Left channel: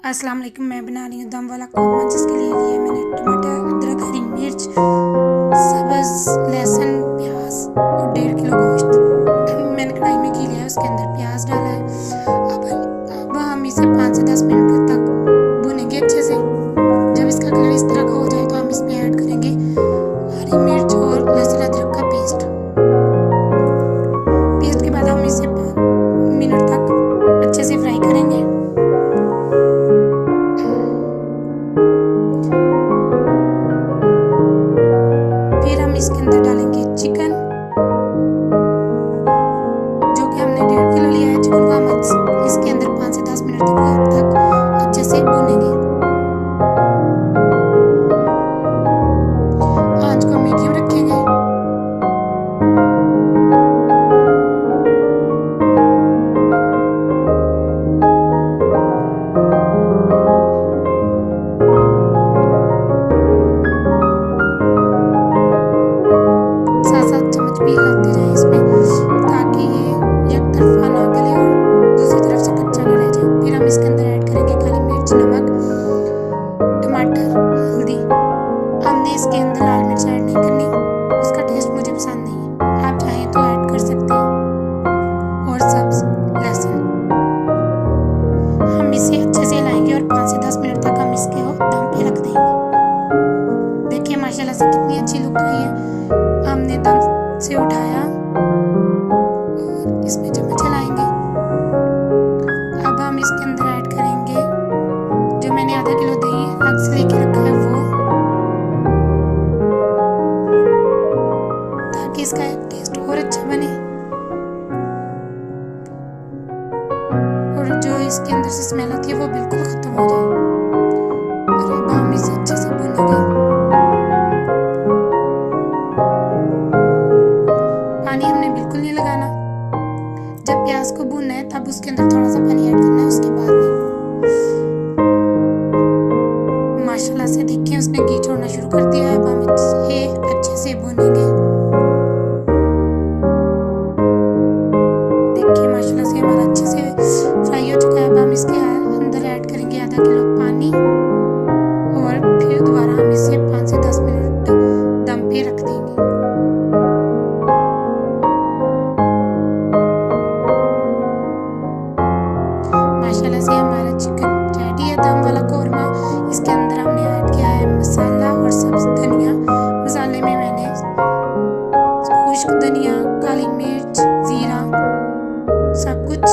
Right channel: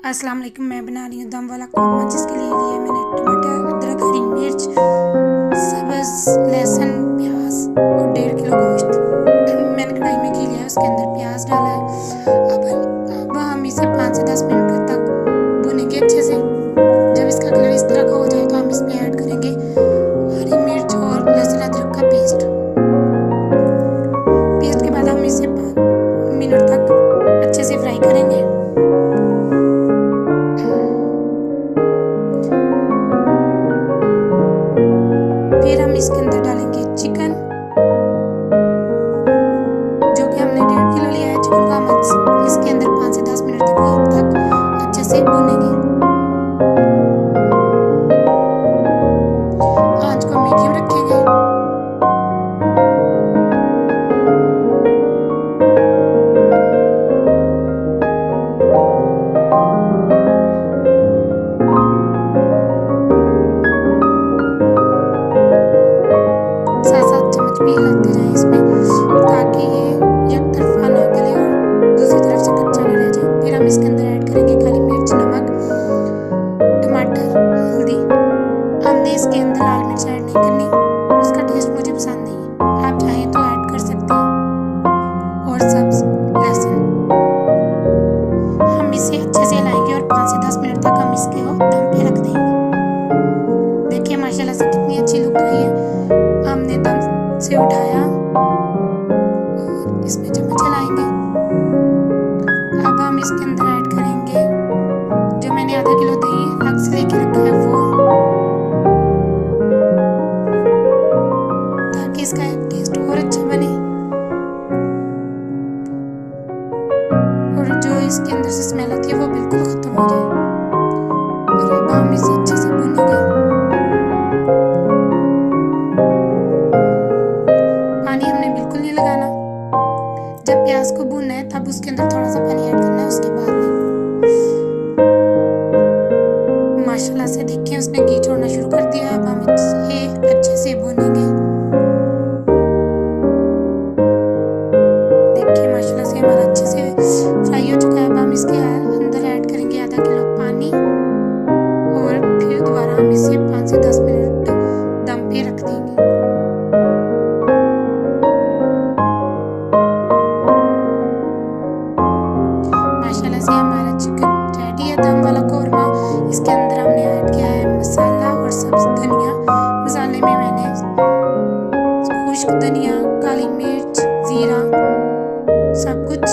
अस्सलाम वालेकुम। मैं बना रही हूँ दम वाला कौरमा, जिसके लिए लिया मैंने टमाटर, अदरक, हरी मिर्च, सब्ज़, लहसुन, प्याज और 1.5 किलो गोश्त। मैंने कढ़ाई में घी लिया, उसके अंदर प्याज डाला है। अब हम इसे 5 से 10 मिनट तक भुनेंगे अच्छे से। जब इसका कलर इस तरह का हो जाए तो हम इसमें ऐड करेंगे हरी मिर्च और लहसुन अदरक का पेस्ट के बाद हम इसे 5 मिनट तक अच्छे से फ्राई करेंगे। फिर हम इसके अंदर डालेंगे चिकन, जो कि हमने 1.5 किलो लिया है। चिकन को हम इसके अंदर 5 से 10 मिनट तक अच्छे से भूनेंगे। आंच को मीडियम रखेंगे। भी हिलाते जाएं इसमें, ताकि ये एक तरफा ना गले और दूसरी तरफ से कच्चा ना रह जाए। फिर हम इसके अंदर ऐड करेंगे काली मिर्च, नमक, टमाटर, हल्दी। हमने इसके अंदर लाल मिर्च ऐड नहीं करनी, उसका टेस्ट मुझे पसंद नहीं है। आप चाहें तो ऐड कर सकते हैं। और सब्ज़ लहसुन। हम इसे अच्छे से हिलाएंगे और 5 से 10 मिनट तक हम इसके दम पे रख देंगे। देखिए माशाल्लाह से कितनी अच्छी लुक आई है। हमने दम से उठाया और इसमें चम्मच चलाएंगे। अब हम इसके अंदर ऐड करेंगे जो मैंने आधा किलो दही अलग से लेके रखा है वो, ताकि इसका टेस्ट और अच्छा बने और जो इसके अंदर से स्मेल आती है वो बिल्कुल खत्म हो जाए। और अब हम इसे अच्छे से भूनेंगे। पानी हमने बिल्कुल नहीं लगाना। जब प्याज को भूनना है तब उसके अंदर थोड़ा सा पानी ऐड करना है, उसके बाद नहीं। माशाल्लाह से देखिए उसने घी छोड़ना शुरू कर दिया है। अब हम इसे अच्छे से भूनेंगे। देखिए माशाल्लाह से हमारा अच्छे से फ्राई हो चुका है। अब हम इसके अंदर ऐड करेंगे आधा किलो पानी और फिर दोबारा हम इसे 5 से 10 मिनट दम पे रख देंगे। माशाल्लाह से हमारा चिकन रेडी है, दम वाला कौरमा। इसके अंदर हमने ऐड किया है मसाला और सब्ज़ धनिया। मसाले में मैंने खुश्क धनिया, काली मिर्च, ज़ीरा, सब कुछ